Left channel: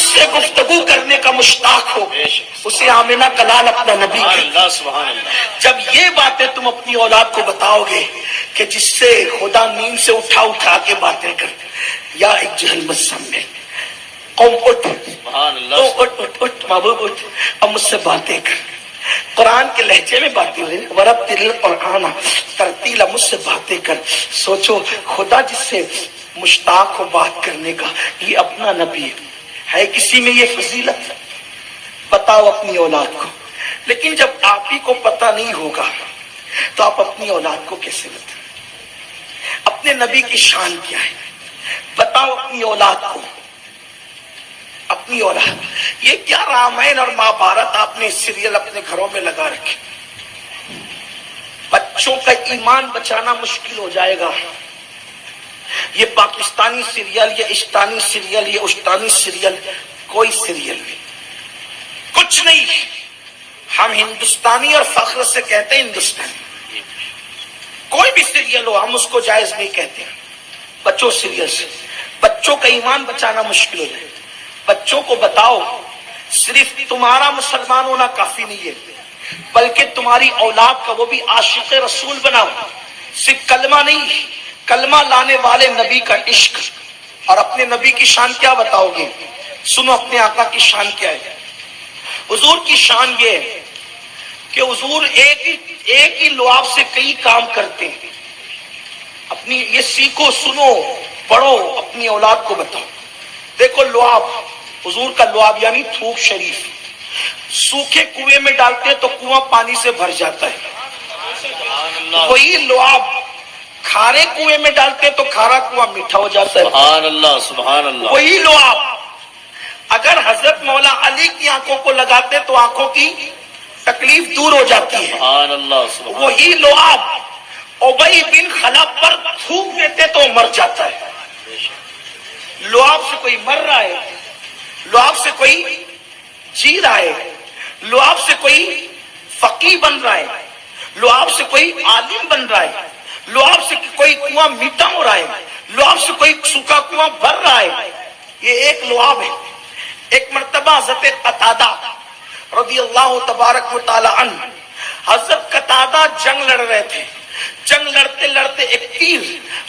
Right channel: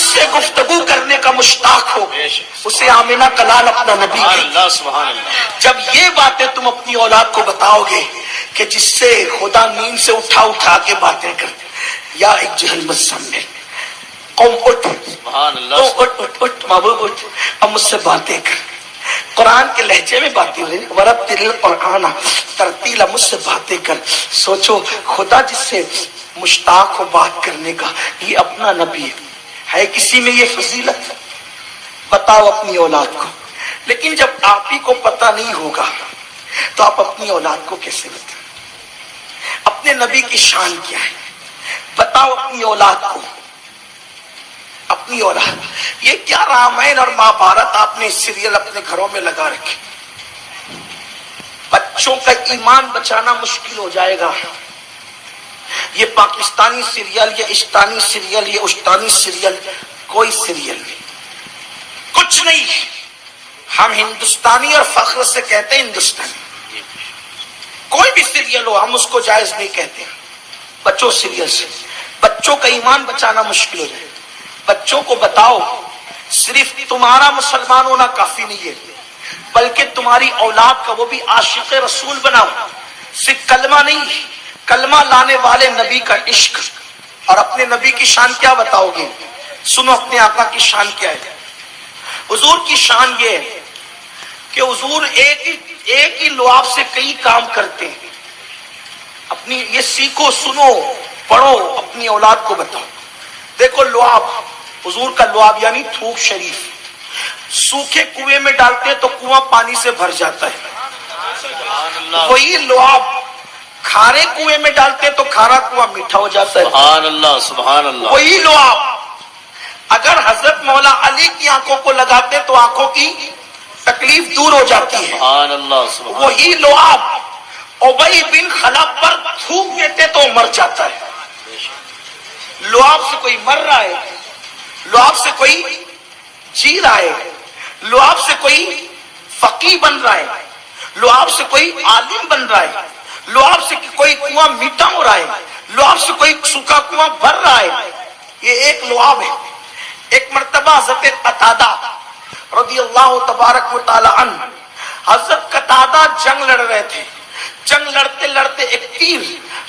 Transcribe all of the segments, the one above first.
جس سے گفتگو کرنے کا مشتاق ہو اسے آمنہ کا لال اپنا نبی ہے۔ جب یہ باتیں تم اپنی اولاد کو بتاؤ گے کہ جس سے خدا نیند سے اٹھا کے باتیں کرتے، یا ایک جہل مت سامنے قوم اٹھ، اٹھ محبوب اٹھ، اب مجھ سے باتیں کر، قرآن کے لہجے میں باتیں ہو رہی، ورتل القرآن ترتیلا، مجھ سے باتیں کر۔ سوچو خدا جس سے مشتاق ہو بات کرنے کا، یہ اپنا نبی ہے کسی میں یہ فضیلت؟ بتاؤ اپنی اولاد کو۔ لیکن جب آپ ہی کو پتہ نہیں ہوگا تو آپ اپنی اولاد کو کیسے بتائیں؟ اپنے نبی کی شان کیا ہے بتاؤ اپنی اولاد کو۔ اپنی اولاد، یہ کیا رامائن اور مہابھارت آپ نے سیریل اپنے گھروں میں لگا رکھے؟ بچوں کا ایمان بچانا مشکل ہو جائے گا۔ یہ پاکستانی سیریل، یہ اشتانی سیریل، یہ اشتانی سیریل، کوئی سیریل نہیں، کچھ نہیں۔ ہم ہندوستانی اور فخر سے کہتے ہیں ہندوستانی، کوئی بھی سیریل ہو ہم اس کو جائز نہیں کہتے۔ بچوں سیریل سے بچوں کا ایمان بچانا مشکل ہو جائے۔ بچوں کو بتاؤ صرف تمہارا مسلمان ہونا کافی نہیں ہے، بلکہ تمہاری اولاد کا وہ بھی عاشق رسول بناؤ۔ صرف کلمہ نہیں، کلمہ لانے والے نبی کا عشق۔ اور اپنے نبی کی شان کیا بتاؤ گے؟ سنو اپنے آقا کی شان کیا ہے۔ حضور کی شان یہ ہے کہ حضور ایک ہی لعاب سے کئی کام کرتے ہیں۔ اپنی یہ سیکھو، سنو، پڑھو، اپنی اولاد کو بتاؤ۔ دیکھو لعاب، حضور کا لعاب یعنی تھوک شریف، سوکھے کنویں میں ڈالتے تو کنواں پانی سے بھر جاتا ہے۔ وہی لعاب کھارے کنویں میں ڈالتے تو کھارا کنواں میٹھا ہو جاتا ہے۔ سبحان اللہ، سبحان اللہ۔ وہی لعاب اگر حضرت مولا علی کی آنکھوں کو لگاتے تو آنکھوں کی تکلیف دور ہو جاتی ہے۔ سبحان اللہ، سبحان اللہ۔ وہی لعاب ابی بن خلف پر تھوک دیتے تو مر جاتا ہے۔ لعاب سے کوئی مر رہا ہے، لعاب سے کوئی جی رہا ہے، لعاب سے کوئی فقیہ بن رہا ہے، لعاب سے کوئی عالم بن رہا ہے، لعاب سے کوئی کنواں میٹھا ہو رہا ہے، لعاب سے کوئی سوکھا کنواں بھر رہا ہے۔ یہ ایک لعاب ہے۔ ایک مرتبہ حضرت قتادہ رضی اللہ تبارک و تعالی عنہ، حضرت قتادہ جنگ لڑ رہے تھے۔ جنگ لڑتے لڑتے ایک تیر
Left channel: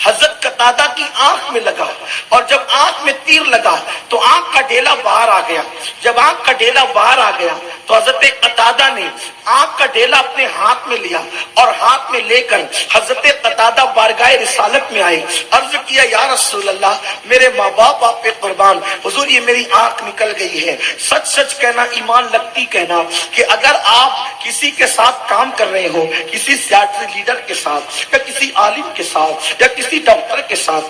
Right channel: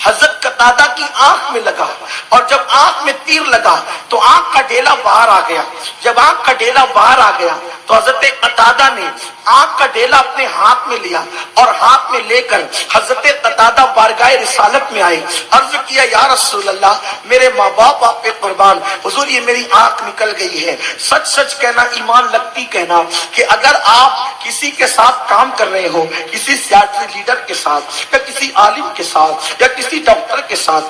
حضرت قتادہ کی آنکھ میں لگا، اور جب آنکھ میں تیر لگا تو آنکھ کا ڈیلا باہر آ گیا۔ جب آنکھ کا ڈیلا باہر آ گیا تو حضرت قتادہ نے آنکھ کا ڈیلا اپنے ہاتھ میں لیا، اور ہاتھ میں لے کر حضرت قتادہ بارگاہ رسالت میں آئے۔ عرض کیا یا رسول اللہ، میرے ماں باپ آپ پہ قربان، حضور یہ میری آنکھ نکل گئی ہے۔ سچ سچ کہنا، ایمان لگتی کہنا کہ اگر آپ کسی کے ساتھ کام کر رہے ہو، کسی سیاسی لیڈر کے ساتھ یا کسی عالم کے ساتھ یا کسی ڈاکٹر کے ساتھ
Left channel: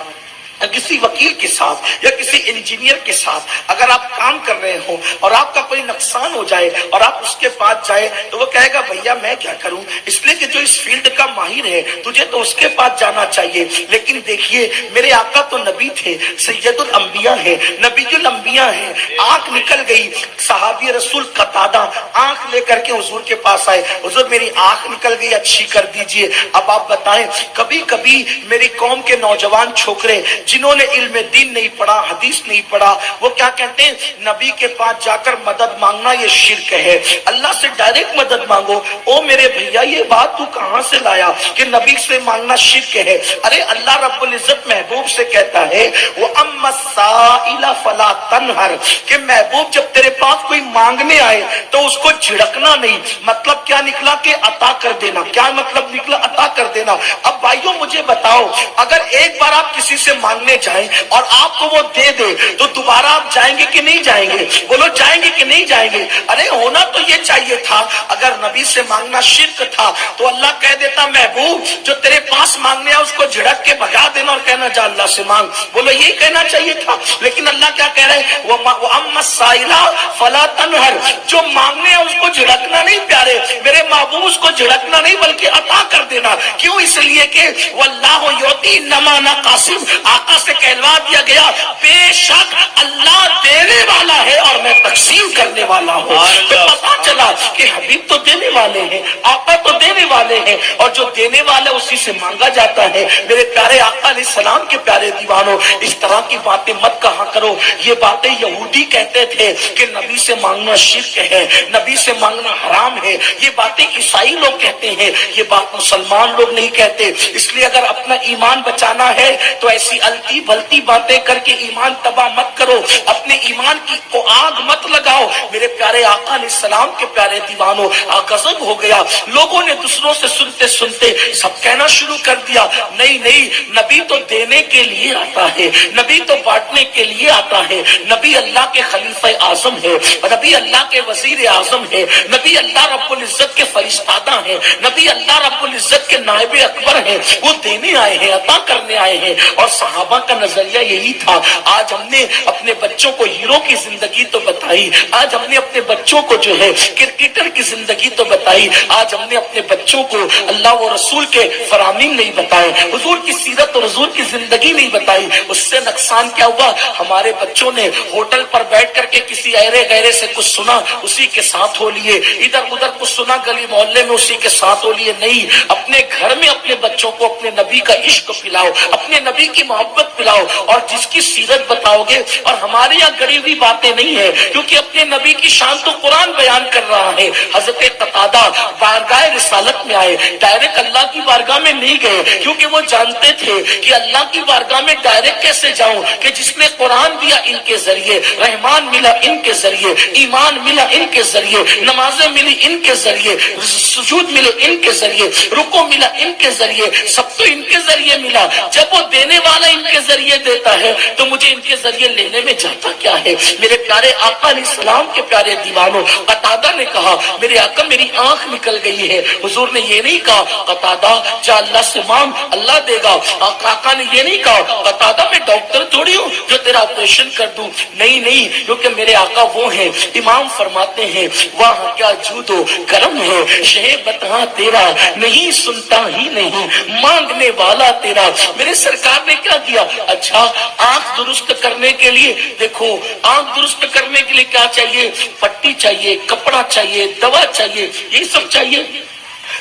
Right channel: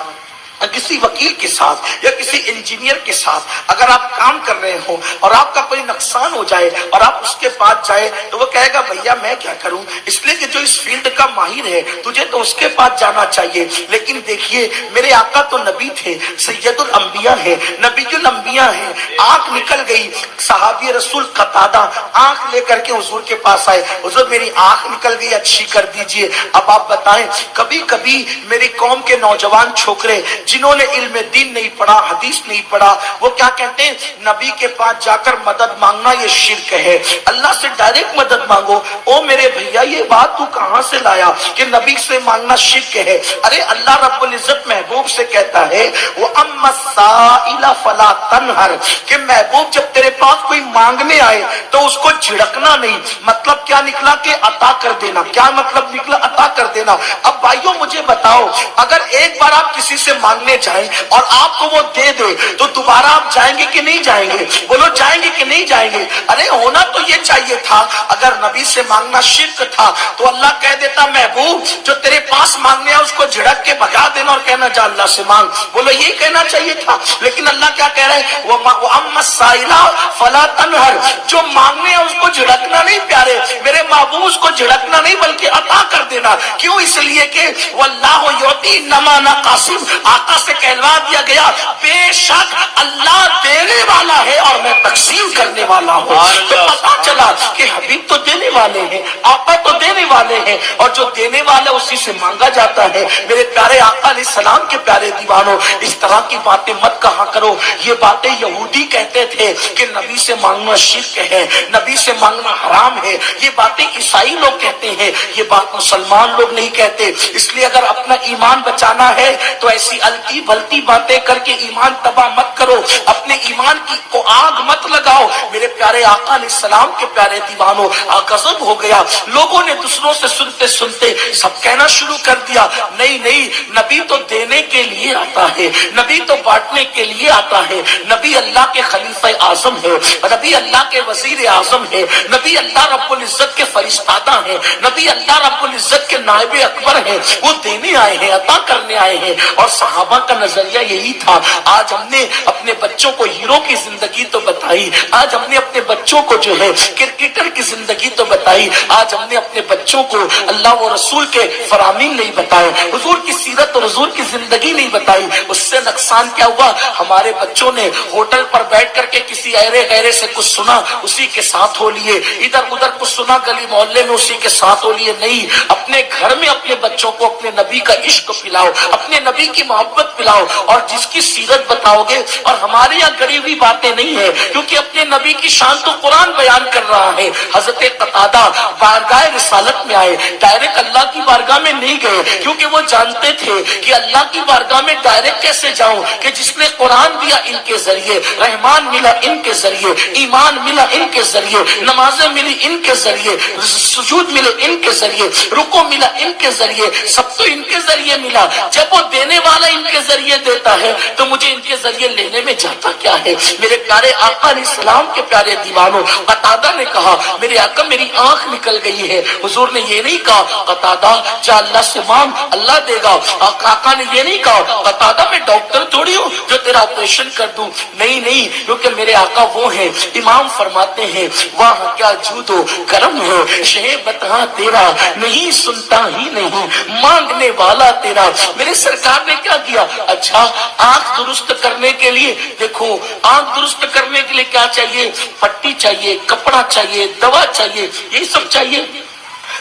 یا کسی وکیل کے ساتھ یا کسی انجینئر کے ساتھ اگر آپ کام کر رہے ہو اور آپ کا کوئی نقصان ہو جائے اور آپ اس کے پاس جائے تو وہ کہے گا بھیا میں کیا کروں، اس لیے کہ جو اس فیلڈ کا ماہر ہے تجھے تو اس کے پاس جانا چاہیے۔ لیکن دیکھیے میرے آقا تو نبی تھے، سید الانبیاء ہے، نبی الانبیاء ہے۔ آنکھ نکل گئی، صحابی رسول قتادہ آنکھ لے کر کے حضور کے پاس آئے، حضور میری آنکھ نکل گئی، اچھی کر دیجئے۔ اب آپ بتائیں، کبھی کبھی میری قوم کے نوجوان چھوکرے جنہوں نے علم دین نہیں پڑھا، حدیث نہیں پڑھا، وہ کیا کہتے ہیں نبی کے پاس جا کر مدد مانگنا یہ شرک ہے، اللہ سے ڈائریکٹ مدد مانگو۔ او میرے بھیا یہ بات تو کہاں سے لایا کہ نبی سے مانگنا شرک ہے؟ ارے اللہ رب العزت محبوب سے کہتا ہے وَأَمَّا السَّائِلَ فَلَا تَنْهَرْ، کہ محبوب جب تیرے پاس کوئی مانگنے آئے تو اس کو جھڑکنا نہیں۔ مطلب کیا نکلا کہ عطا کر دینا۔ کیا مطلب نکلا؟ عطا کر دینا۔ اب بھائیوں مجھے بتاؤ، اگر ایک بار آپ کسی سے مانگنے جائیں اور آپ کو وہ دے دے تو دوبارہ آپ جائیں گے کہ نہیں جائیں گے؟ بولو جائیں گے کہ نہیں جائیں گے؟ ارے ہونا تو یہ چاہیے تھا، اگر نبی سے مانگنا شرک تھا تو اللہ کہہ دیتا محبوب جو تیرے پاس مانگنے آئے اس کو جھڑک کے بھگا دینا اور کہنا جا اللہ سے مانگ۔ بولو یہ کہنا چاہیے تھا، لیکن اللہ کیا کہہ رہے ہیں وَأَمَّا السَّائِلَ فَلَا تَنْهَرْ، جو مانگنے ہیں اس کو جھڑکنا نہیں پیارے میرے محبوب، اس کو جھڑکنا نہیں بلکہ عطا کر دینا۔ کیوں؟ اس لیے کہ وَاللَّهُ يُعْطِي إِنَّمَا أَنَا قَاسِمٌ، آقا سے کہلوا دیا گیا بے شک اللہ دینے والا ہے اور میں تقسیم کرنے والا ہوں۔ تو پتا چلا کہ حبیب تو دینے والے ہیں، آقا تو دینے والے ہیں، اور جو دینے والا اسی سے مانگا جاتا ہے۔ میرے پیارے آقا علیہ السلام کے پیارے دیوانوں، اس طرح کی باتیں مت کہا کرو۔ یہ باتیں یہودی کہتے تھے کہ نبی سے مانگنا شرک ہے، نبی سے مانگنا حرام ہے۔ یہ باتیں عیسائی لوگ کہتے ہیں، یہ بات مسلمان لوگ نہیں کہتے۔ اس لیے اگر اپنا ایمان بچانا ہے تو ایسی الٹی بھلتی باتیں کر کے ایمان تباہ مت کرو، اپنے ایمان کی کو آگ مت لگاؤ۔ میرے پیارے آقا علیہ السلام کے پیارے دیوانوں، غضب ہو گیا۔ لوگوں نے دوسروں سے سنتے سنتے سب کہنا شروع کر دیا، نہیں نہیں، نبی تو دینے کے لیے آتا ہے، نبی تو بانٹنے کے لیے آتا ہے، نبی اللہ کے خلیفہ اعظم ہے، نبی اللہ کے وزیر اعظم ہے، نبی اللہ رب العزت کے فرشتادہ ہیں، نبی اللہ رب العزت کے نائب اکبر ہیں، وہ دینے آئے ہیں، عطا کرنے آئے ہیں۔ اور صحابہ کا نظریہ یہی تھا۔ آج ہم نے اپنے بچوں کو ہیرو کی زندگی تو بتائی، آج ہم نے اپنے بچوں کو جو ہے کرکٹر کی زندگی تو بتائی، آج ہم نے اپنے بچوں کو اللہ و رسول کے فرامین نہیں بتائے، حضور کی سیرت اور حضور کی زندگی نہیں بتائی۔ اس سے نقصان کیا ہوا؟ ہمارے بچوں نے ہوٹل پر بیٹھ کر کے کسی ایرے غیرے سے کچھ سنا، اسی کے ساتھ ہو لیے، ادھر ادھر کچھ سنا گلی محلے میں، اسی کے ساتھ ہو لیے۔ نہیں، اپنے گھر میں اپنے بچوں کو اپنے نبی کا عشق پلاؤ، اپنے نبی کی محبت پلاؤ، اور جس کی سیرت بتاؤ گے۔ اور ہمارے یہاں گڑی ہوئی باتیں نہیں ہے، کیونکہ اپنے نبی کی شان تو قرآن بیان کر رہا ہے۔ حضرت قتادہ بارگاہ رسالت میں آئے، ڈائریکٹ اللہ کی بارگاہ میں نہیں گئے، کیونکہ وہ جانتے تھے کہ اللہ کی بارگاہ میں ڈائریکٹ کیسے جاؤں، کہ جس نے قرآن دیا ان کے ذریعے، رحمان ملا ان کے ذریعے، ایمان ملا ان کے ذریعے، نمازیں ملی ان کے ذریعے، سجود ملے ان کے ذریعے، رکوع ملا ان کے ذریعے، سب تو ان کے ذریعے ملا۔ جب وہ دینے والا ان کے ذریعے دیتا ہے تو مجھے ان کے ذریعے لینے میں جاتا کیا ہے؟ میرے پیارے آقا علیہ السلام کے پیارے دیوانوں، قتادہ نے کہا میرے آقا میری آنکھ نکل گئی ہے۔ حضور نے یہ نہیں کہا قتادہ جا اللہ سے مانگ اللہ دے گا۔ آقا نے یہ نہیں کہا قتادہ میں ڈاکٹر تھوڑی ہوں جو تیرا آپریشن کر دوں، نہیں نہیں، کیونکہ میرے آقا وہ ہیں۔ امام فرماتے ہیں وہاں کیا جود و کرم ہے، شہ بتا تیرا نہیں سنتا ہی نہیں، مانگنے والا تیرا۔ میرے سرکار نے کیا کیا؟ اچھا، آنکھ درست کرنے کے لیے دیکھو، آنکھ درست کرنے کے لیے کیا چاہیے؟ پٹی چاہیے، کپڑا چاہیے، دوا چاہیے، یہی سب چاہیے۔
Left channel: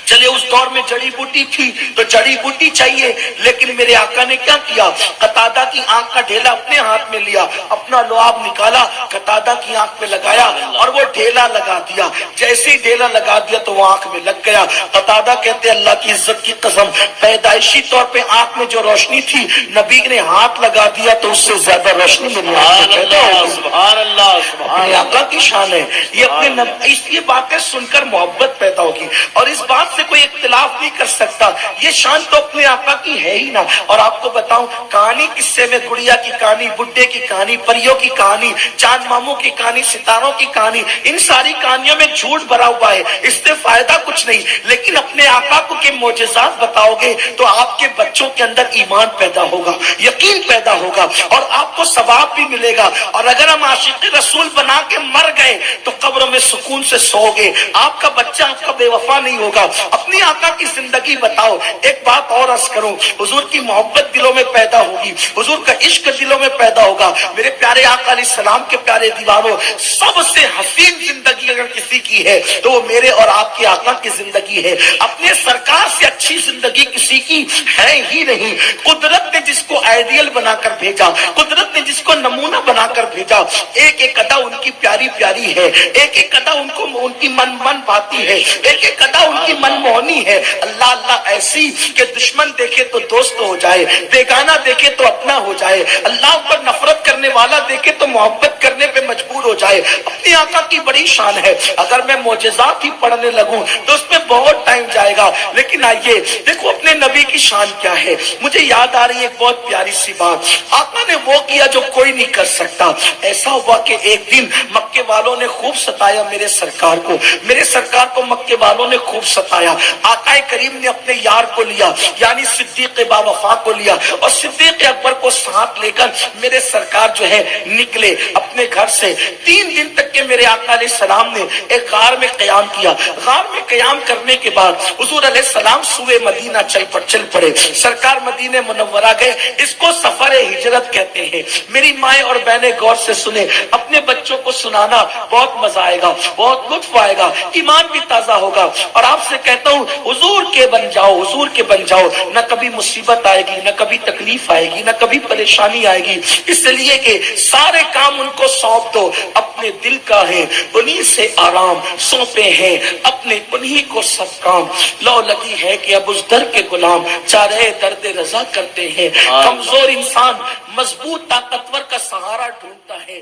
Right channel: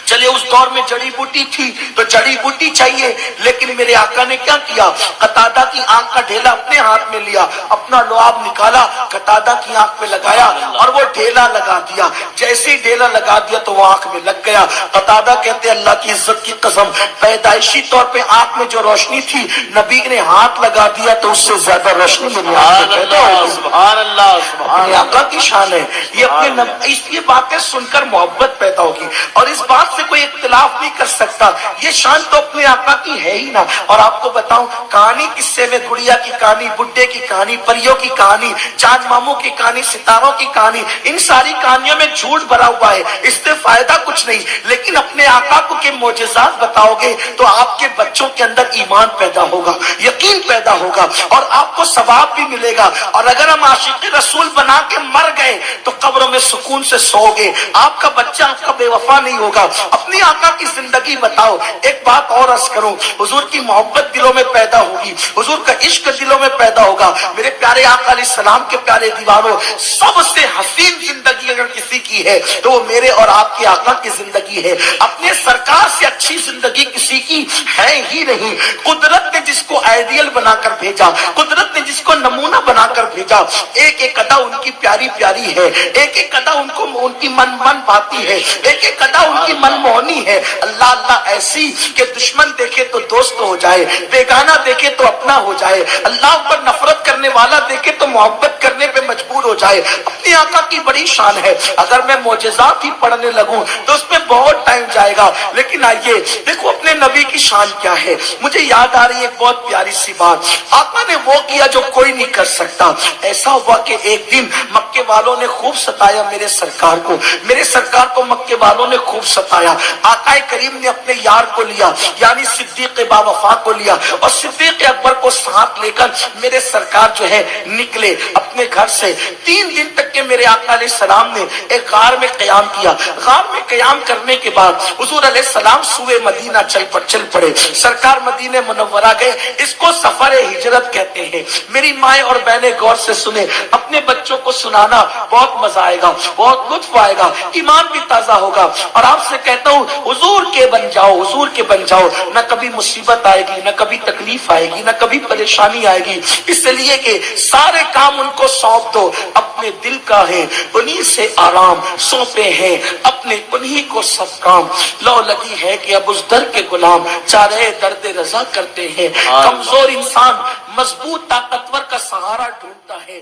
چلے اس دور میں جڑی بوٹی تھی تو جڑی بوٹی چاہیے، لیکن میرے آقا نے کیا کیا؟ قتادہ کی آنکھ کا ڈھیلا اپنے ہاتھ میں لیا، اپنا لعاب نکالا، قتادہ کی آنکھ پہ لگایا اور وہ ڈھیلا لگا دیا۔ جیسے ڈھیلا لگا دیا تو وہ آنکھ میں لگ گیا۔ قتادہ کہتے اللہ کی عزت کی قسم، پیدائشی طور پہ آنکھ میں جو روشنی تھی نبی نے ہاتھ لگا دیا تو اس سے زیادہ روشنی میری آنکھ میں پیدا ہو گئی۔ سبحان اللہ، اپنے آقا کی شان ہے یہ، اپنے یہ باتیں سن کر محبت پیدا ہوگی، اور اس بات سے کوئی اختلاف نہیں کر سکتا۔ یہ شان تو اپنے آقا کی ہے ہی نا۔ اور آپ کو بتاؤں کہانی، قصے میں گڑیا کی کہانی، بڈھے کی کہانی، پریوں کی کہانی، چاند ماموں کی کہانی، ستاروں کی کہانی، ان ساری کہانیوں میں جھوٹ بھرا ہوا ہے، اس سے فائدہ کچھ نہیں۔ لیکن اپنے آقا کو کے معجزات بتاؤ گے تو آپ کے بچوں کے اندر ایمان پیدا ہوگا، یقین پیدا ہوگا، اور آپ کو ثواب بھی ملے گا۔ اور اگر ہم عاشق رسول بنا کے مر گئے تو قبروں میں سکون سے سو گے، آپ کا بچہ آپ کا بے وفا نہیں ہوگا۔ اپنی آقا کی زندگی بتاؤ۔ ایک بات اور عرض کروں، حضور کی محبت دلوں میں پیدا ہوگی، حضور کا عشق دلوں میں پیدا ہوگا۔ میرے پیارے آقا علیہ السلام کے پیارے دیوانوں، سب سے حسین زندگی اگر کسی کی ہے تو وہ میرے اور آپ کے آقا کی زندگی ہے۔ اپنے سرکار سے اچھی زندگی کسی کی ہے ہی نہیں۔ قدرت نے جس کو آئیڈیل بنا کر بھیجا، قدرت نے جس کو نمونہ بنا کر بھیجا، ایک ایک ادا ان کی پیاری پیاری ہے، ایک ایک ادا ان کو ان کی من پاتی ہے، ایک ایک ادا ان کی من مونی ہے۔ اللہ اللہ ایسی کہ دشمن دیکھے تو دوست ہو جائے، بیگانہ دیکھے تو اپنا ہو جائے، اللہ پر نفرت کرنے والا دیکھے تو محبت کرنے پہ مجبور ہو جائے۔ اپنے آقا کی بڑی شان ہے۔ اگر میں معجزات ہی پڑھنے لگوں تو اس میں بہت ٹائم جائے گا، لیکن آئیے دیکھو اپنے نبی کی شان کیا ہے۔ مجھے یاد آ رہی ہے ایک بہت پیاری سی بات، آقا نے وہ کیا جو کوئی نہیں کر سکتا۔ ایسا ہوا کہ ایک دن مکے والوں نے خوب ستایا میرے سرکار کو، میرے سرکار کو مکے والوں نے خوب ستایا۔ آقا کریم نے اپنے یار کو لیا، یعنی صدیق با وفا کو لیا، اور صدیق اکبر کو ساتھ لے کر میرے سرکار جو ہے نکلے۔ اب اپنے گھر سے 3 دن تک کے میرے آقا علیہ السلام نے ایک غار میں قیام کیا. غار میں قیام کرنے کے بعد حضور علیہ السلام سوئے مدینہ چل پڑے. سرکار مدینہ منورہ گئے. اس کو سفر ہجرت کہتے ہیں. میری مائیں اور بہنیں غور سے سنیں, اپنے بچوں کو سنانا, بہت مزہ آئے گا, بہت لطف آئے گا, ایمان بھی تازہ ہوگا. اور آپ سے کہتا ہوں حضور کے بن جاؤ, حضور کے بن جاؤ, نہ کبھی مصیبت آئے گی, نہ کبھی تکلیف آئے گی, نہ کبھی پریشانی آئے گی. اس لیے کہ سارے کام ان کو سونپ دو, اپنے دل کا ہے انہی سے آرام, سونپے ہیں اپنے انہی کو سب کام. لو لگی ہے کہ اب اس در کے غلام چارے درد رضا کرتے ہیں. کمزور انسان مضبوط طاقتور کا سہارا ڈھونڈتا ہے.